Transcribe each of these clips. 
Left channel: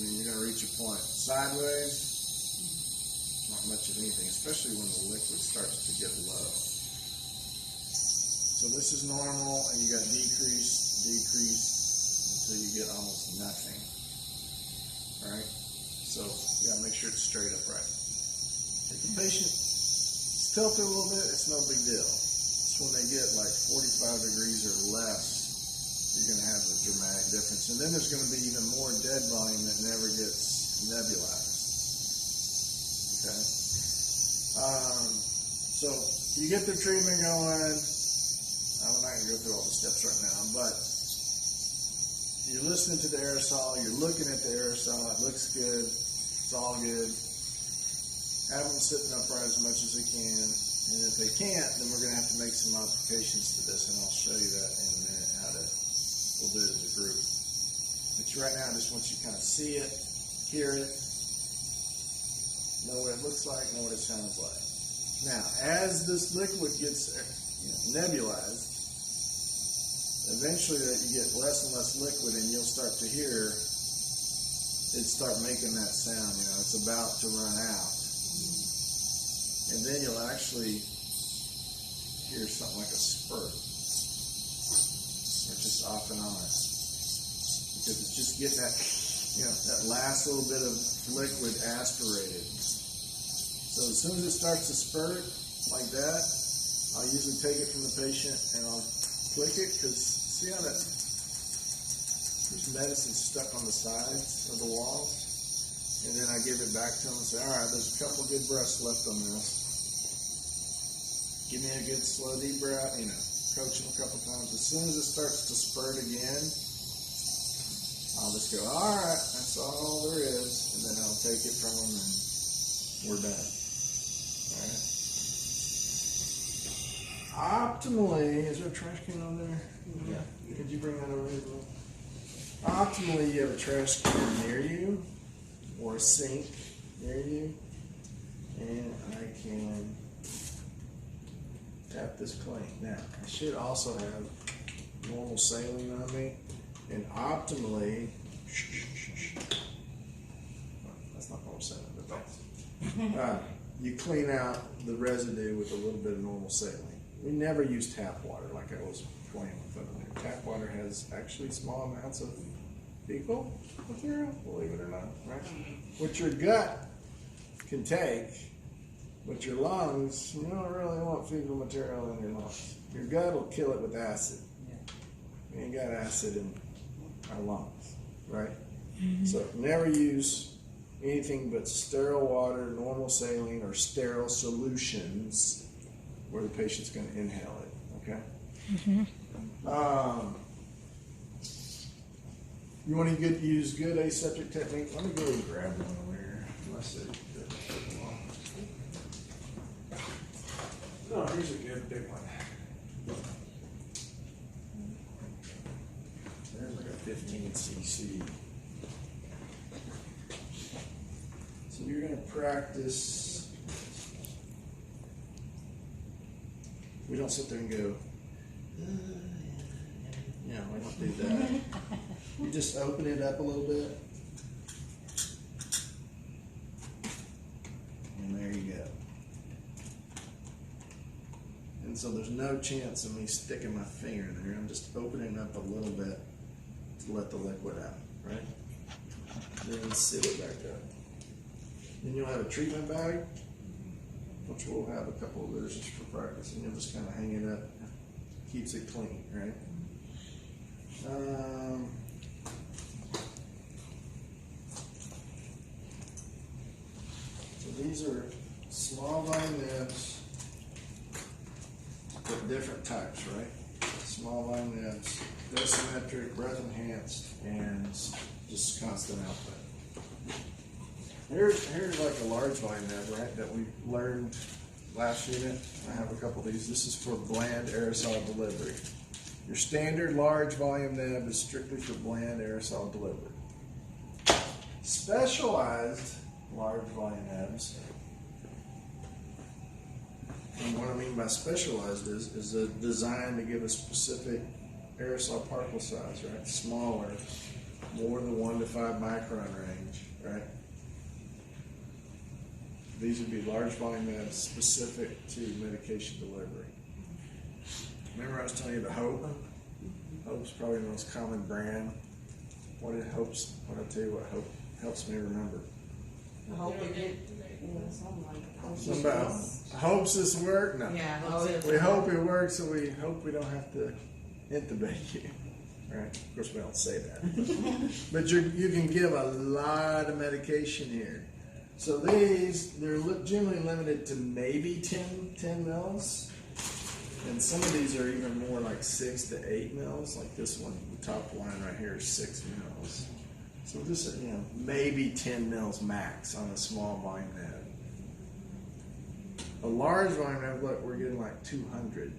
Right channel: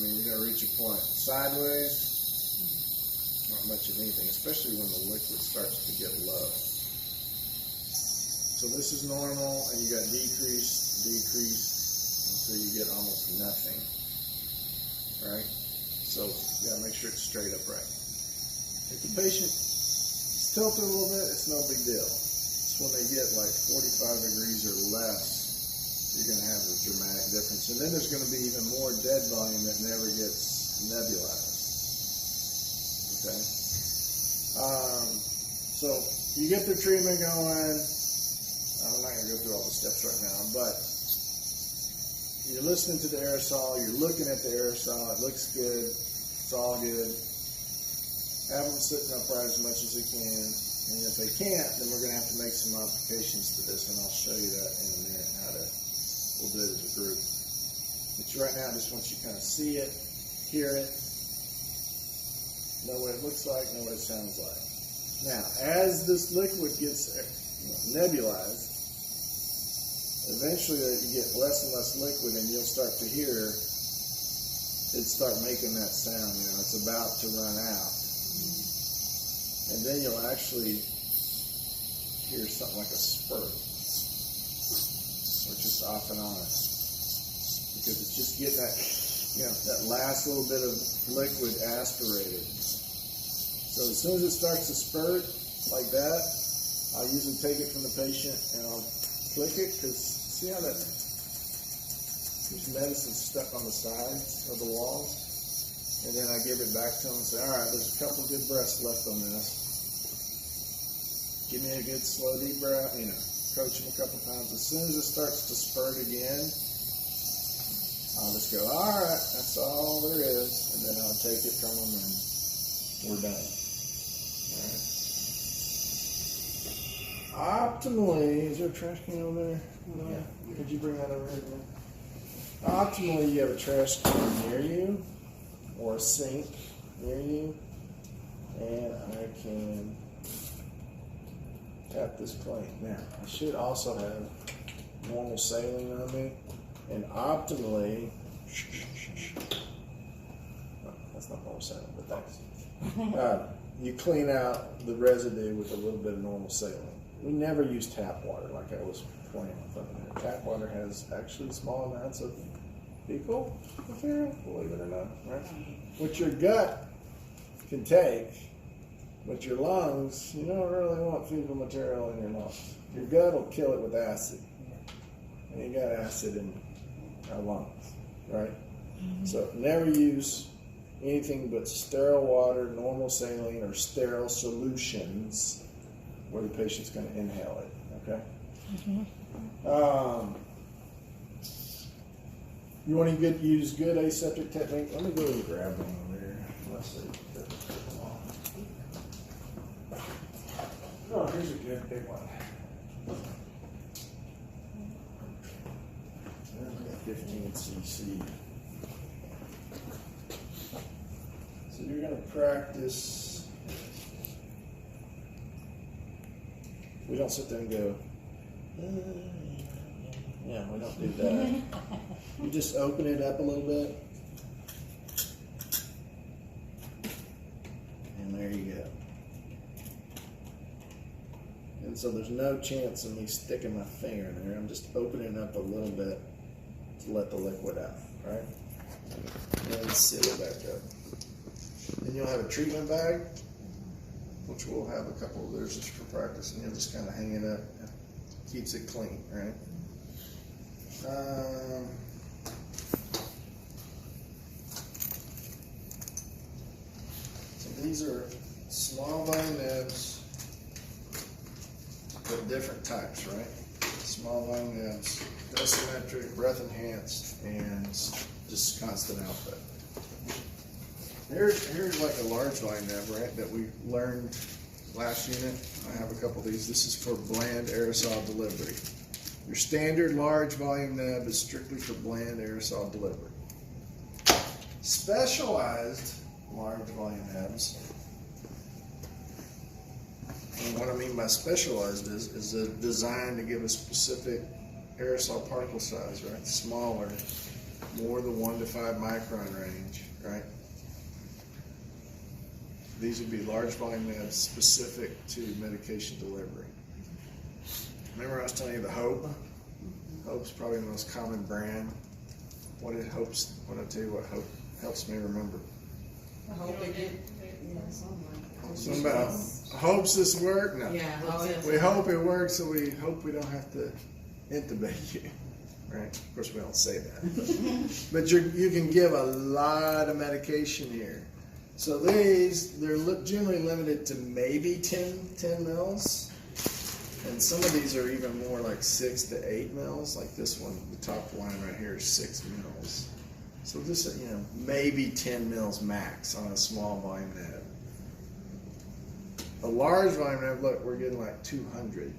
mean, you're going to reach a point. Sideways, not much of anything, especially when the liquid starts to get low. So this is normal, and you got decrease, until you get almost nothing, right? So you got to make sure it's straight upright. If the patient is tilted a little bit, it's no big deal. It's when they get like 45 degrees or less, you're going to have a dramatic difference. And then there's going to be even more dead volume that never gets nebulized. Okay? So you get the treatment going. I'm not going to go through all the steps right now, but you're listening to the aerosol, you're looking at the aerosol, it looks good, it's all good. Have them sitting upright as much as they can, and if they can't, then we're going to have to make some modifications to this, and I'll show you that in a minute, we'll do it as a group. But right now, I just want you to kind of see it, hear it, know what it looks like, know what it sounds like. Now, as this liquid gets nebulized, eventually you get less and less liquid, and you'll start to hear it start making that sound. It's about to run out, and then you'll actually hear something like a spurt, or just off and on, because it's just getting that that last little bit of liquid aspirated. So as soon as it starts to spurt like that, I'll usually take it from the patient and I'll click it, because see how there's medicine stuck on the sides of the walls, and then I give it back to them and say, all right, there's a couple good breaths left on this. Give me a good slow deep breath, coach them a couple times. As soon as it starts to spurt again, I'll just go, all right, that's all there is, and then I'll take it from them and we're done. Optimally, is there a trash can on there? Yeah. Could you bring that over here? Optimally, you have a trash can near you or a sink near you, and I can tap this plate. Now, I should also have normal saline on me, and optimally, that's not normal saline, but thanks. You clean out the residue with a little bit of normal saline. We never use tap water, like I was pointing with over there. Tap water has actually small amounts of fecal material, believe it or not, right? Which your gut can take, but your lungs, you don't really want fecal material in your lungs. Your gut will kill it with acid. We ain't got acid in our lungs, right? So never use anything but sterile water, normal saline, or sterile solutions where the patient's going to inhale it, okay? You want to use good aseptic technique? Let me go and grab one over here. Unless they're long. No, here's a good big one. There's like a 15 cc. So you're going to practice. We don't sit there and go, yeah, we don't do that. You just open it up a little bit. And there you go. And so there's no chance of me sticking my finger in there. I'm just opening up a little bit to let the liquid out, right? And then seal it back up. Then you'll have a treatment bag, which we'll have a couple of those just for practice, and you'll just kind of hang it up. Keeps it clean, right? So these are small volume nibs, but different types, right? Small volume nibs, dosimetric, breath enhanced, and just constant output. Here's like a large volume nib, right, that we learned last unit. I have a couple of these. This is for bland aerosol delivery. Your standard large volume nib is strictly for bland aerosol delivery. Specialized large volume nibs, and what I mean by specialized is designed to give a specific aerosol particle size, right? Smaller more than 1 to 5 micron range, right? These would be large volume meds specific to medication delivery. Remember I was telling you the Hope? Hope's probably the most common brand. What did Hope's, when I tell you what Hope helps me remember? I hope they get, something like that. Something about, hopes this work? No. Yeah, We hope it works, so we hope we don't have to intubate you. Right? Of course, we don't say that. But you can give a lot of medication here. So these, they're generally limited to maybe 10 mils. And some of these are even more like 6 to 8 mils. Like this one, the top line right here is 6 mils. So just, maybe 10 mils max on a small volume neb. A large volume neb, look, we're getting like 200.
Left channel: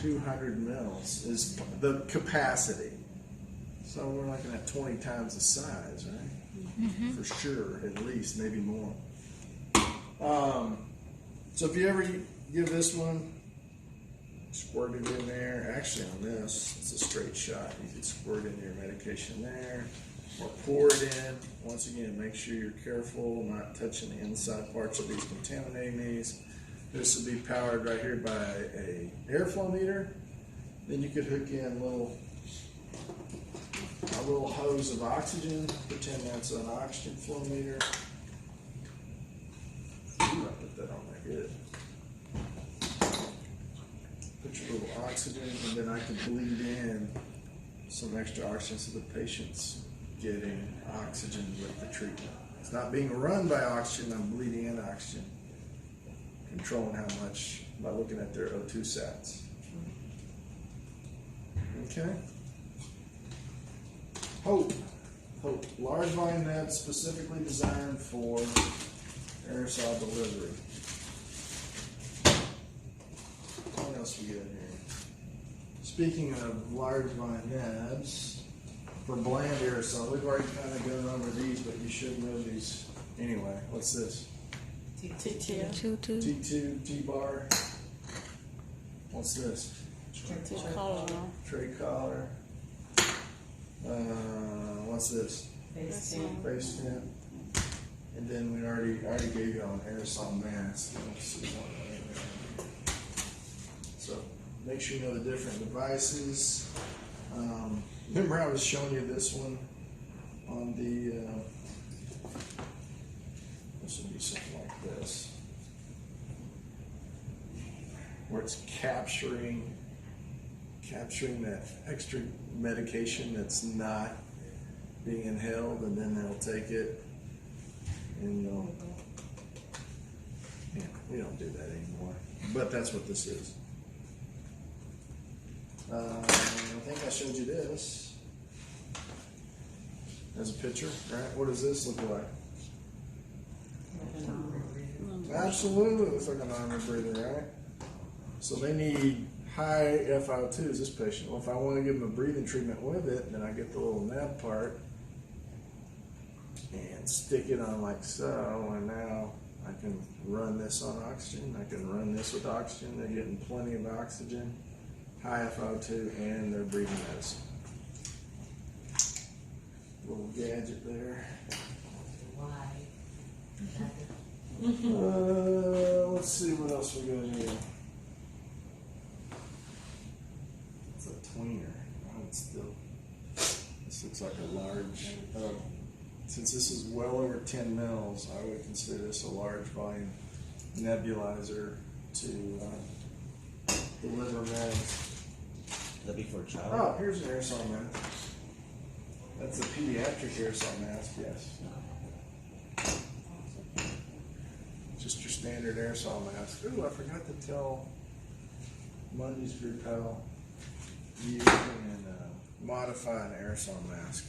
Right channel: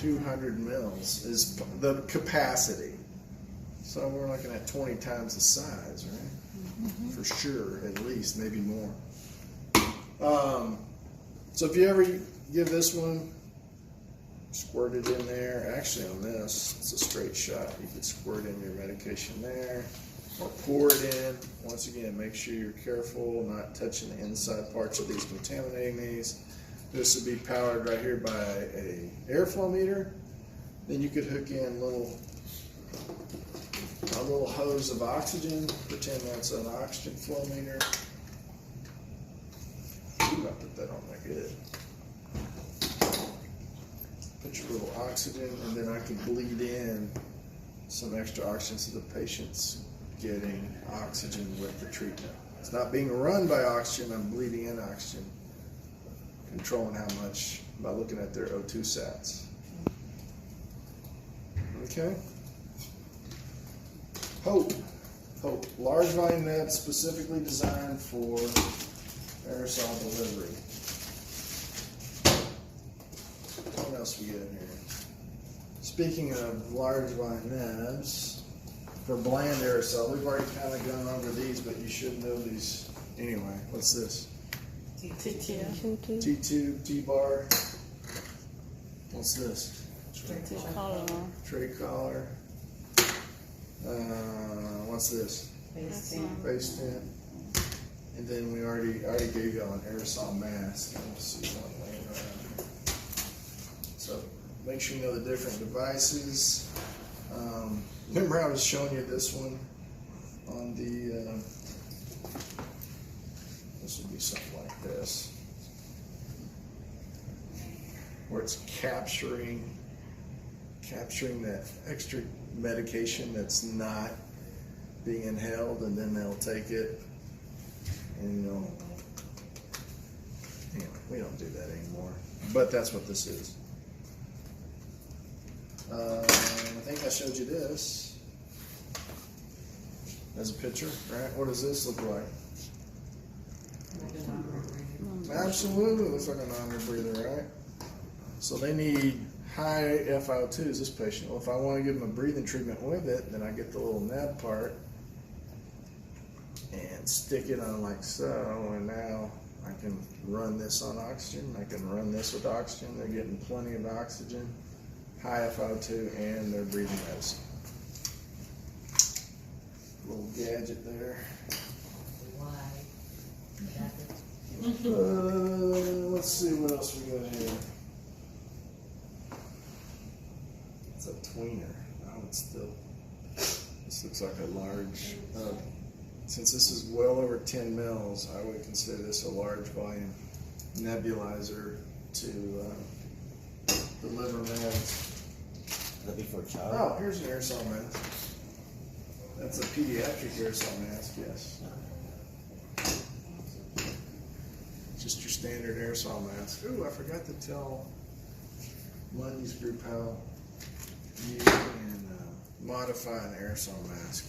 200 mils is the capacity. So we're looking at 20 times the size, right? For sure, at least, maybe more. So if you ever give this one, squirt it in there. Actually on this, it's a straight shot. You could squirt in your medication there, or pour it in. Once again, make sure you're careful, not touching the inside parts of these, contaminating these. This would be powered right here by a airflow meter. Then you could hook in a little hose of oxygen. Pretend that's an oxygen flow meter. Ooh, I put that on there good. Put your little oxygen, and then I could bleed in some extra oxygen so the patient's getting oxygen with the treatment. It's not being run by oxygen, I'm bleeding in oxygen. Controlling how much by looking at their O2 sats. Okay. Hope. Large volume neb specifically designed for aerosol delivery. What else we got in here? Speaking of large volume nebs, for bland aerosol, we've already kind of gone over these, but you should know these anyway. What's this? T2, T-bar. What's this? Tray collar. What's this? Face tint. And then we already gave y'all an aerosol mask. Let's see what. So make sure you know the different devices. Remember I was showing you this one on the. This would be something like this, where it's capturing that extra medication that's not being inhaled, and then they'll take it, and anyway, we don't do that anymore, but that's what this is. I think I showed you this as a picture, right? What does this look like? Absolutely, looks like a non-rebreather, right? So they need high FiO2s, this patient. Well, if I want to give them a breathing treatment with it, then I get the little neb part and stick it on like so, and now I can run this on oxygen. I can run this with oxygen. They're getting plenty of oxygen, high FiO2, and they're breathing medicine. Little gadget there. Let's see what else we got here. It's a tweener. Oh, it's still. This looks like a large. Since this is well over 10 mils, I would consider this a large volume nebulizer to deliver meds. That'd be for a child? Oh, here's an aerosol mask. That's a pediatric aerosol mask, yes. Just your standard aerosol mask. Ooh, I forgot to tell Monday's group how you can modify an aerosol mask.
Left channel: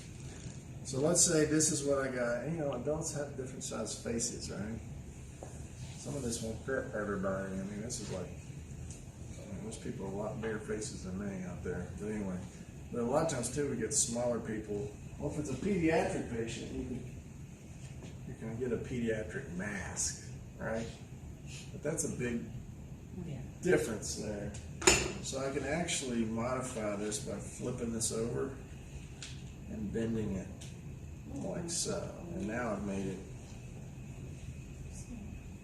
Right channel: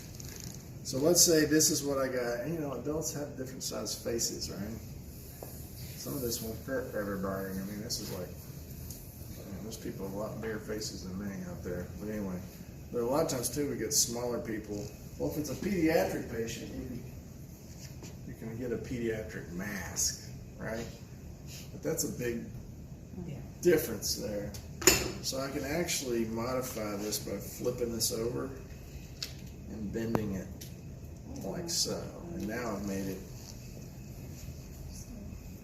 So let's say this is what I got. And, adults have different size faces, right? Some of this won't fit everybody. I mean, this is like, there's people with a lot bigger faces than me out there. But anyway, but a lot of times too, we get smaller people. Well, if it's a pediatric patient, you can get a pediatric mask. Right? But that's a big difference there. So I can actually modify this by flipping this over and bending it like so. And now I've made it,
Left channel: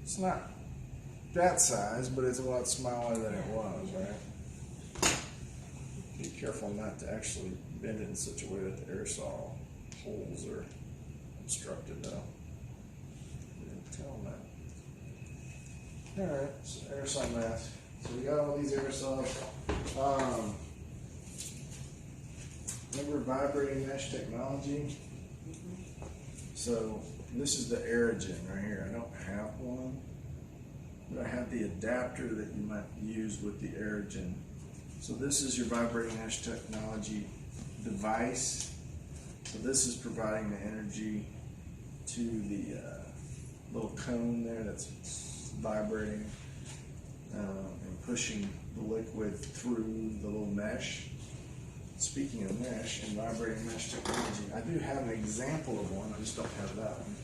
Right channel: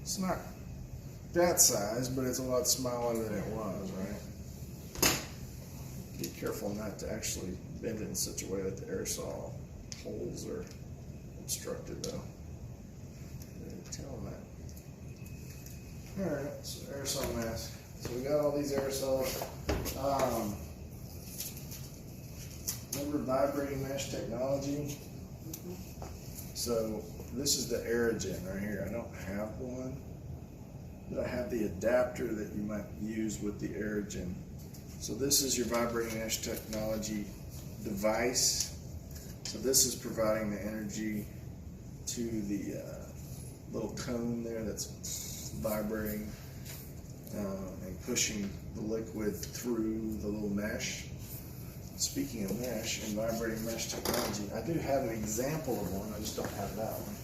it's not that size, but it's a lot smaller than it was, right? Be careful not to actually bend it in such a way that the aerosol holes are obstructed though. Didn't tell them that. Alright, so aerosol mask. So we got all these aerosols. Remember vibrating mesh technology? So this is the Aerogen right here. I don't have one, but I have the adapter that you might use with the Aerogen. So this is your vibrating mesh technology device. So this is providing the energy to the little cone there that's vibrating and pushing the liquid through the little mesh. Speaking of mesh and vibrating mesh technology, I do have an example of one, I just don't have that one.